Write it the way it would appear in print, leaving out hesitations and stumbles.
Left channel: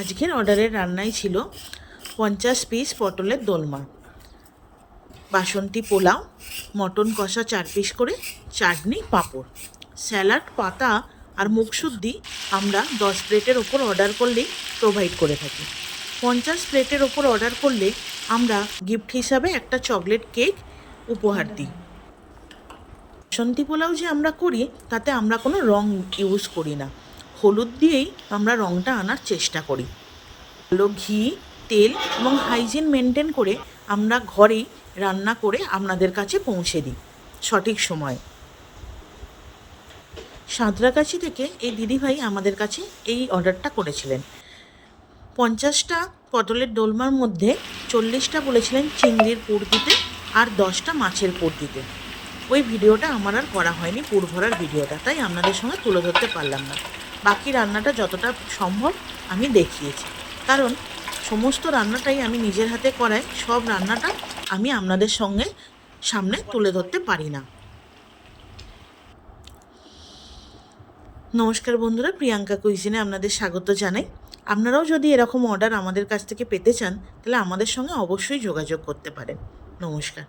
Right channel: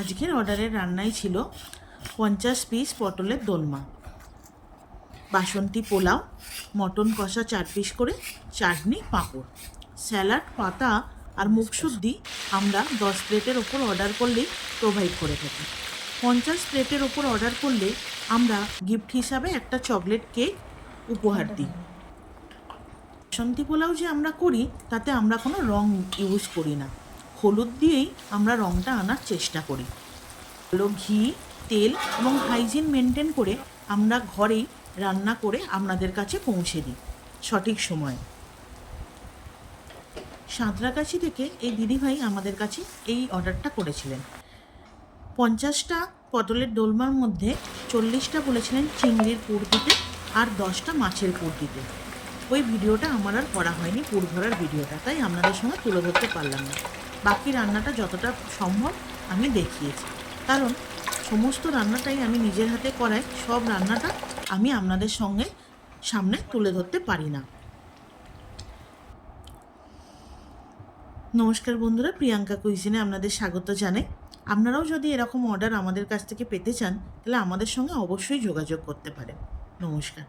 আজকের অর্ডারের রান্নাই ছিল 50 পিস পটলের দোলমা, বাসন্তী পোলাও, মটন কষা 4 পিস করে, চাটনি, পাঁপড়, স্যালাড, পাতা আর মুখশুদ্ধি আমরা 10 প্লেটের ওপর অর্ডার করলেই প্রোভাইড করে থাকি। 50 প্লেটের ওপর অর্ডার করলে আমরা গিফট হিসাবে একটা চকলেট কেক উপহার দিই। বাসন্তী পোলাও যে আমরা করি তাতে আমরা কোনো রং ইউজ করি না, হলুদ দিয়েই আমরা রংটা আনার চেষ্টা করি। ভালো ঘি, তেল এবং হাইজিন মেনটেন করে আমরা ঘরেই রান্না করে আপনাদের কাছে পৌঁছে দিই সঠিক সময়ে। সাঁতরাগাছি থেকে এই দিদিভাই আমাদের কাছে এই অর্ডারটা করেছিলেন। 50টা পটলের দোলমার মধ্যে 40টা বলেছিলেন চিংড়ির পুর দিতে আর 10টা মাছের পুর দিতে। ওই ভিডিওটা আমার আর করা হয়নি, পুর ভরার ভিডিওটা, তাই আপনাদের সঙ্গে তুলে ধরতে পারলাম না। বাকি রান্নাটা যতটা সম্ভব আমি দেখিয়েছি, কারণ সমস্ত রান্নাটাই আমি নিজের হাতে করাই, সব রান্নাটা আমি আপনাদের সঙ্গে সামনে তুলে ধরতে পারি না। নমস্কার বন্ধুরা, প্রিয়াঙ্কা কুইজিনে আপনাদের স্বাগত জানাই। আপনারাও যদি এরকম অর্ডার আমাদের কাছ থেকে পেতে চান তাহলে আমাদের সঙ্গে অবশ্যই যোগাযোগ করতে পারেন। নমস্কার।